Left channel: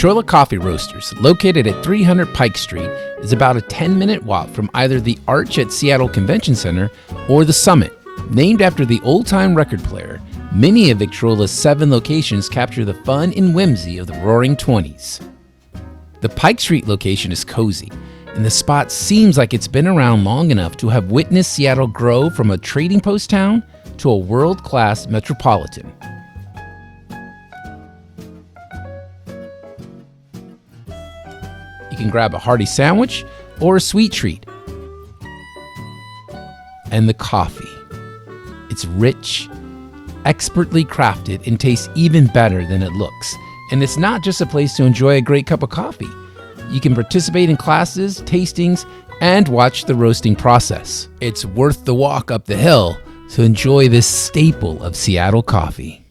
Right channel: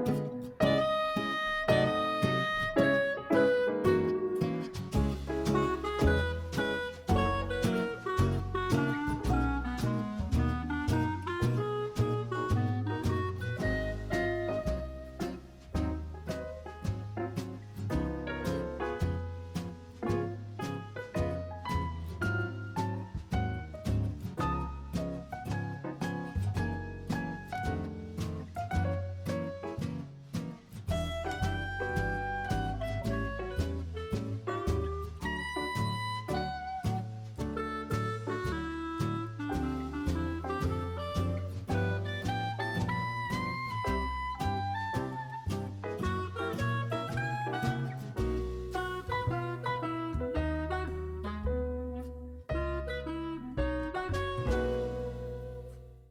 Victrola Coffee Roasters, located at 300 Pike Street, is about a 10-minute walk from either the Arch at Seattle Convention Center or the Summit. Named after the old-time record player, many of Victrola's 7 locations capture the fun and whimsy of the Roaring '20s. The Pike Street location is cozy, and the spot seems like it's been around long enough to have witnessed Seattle grow from a trading post town to a world-class metropolitan. You can grab a hearty sandwich or a sweet treat. And the coffee. It's rich, expertly crafted, and tastes even better than it looks. And it's not just a place to enjoy a great cup of coffee. You can participate in classes, tastings, and watch the roasting process. It's worth the walk up the hill to enjoy this staple of Seattle coffee.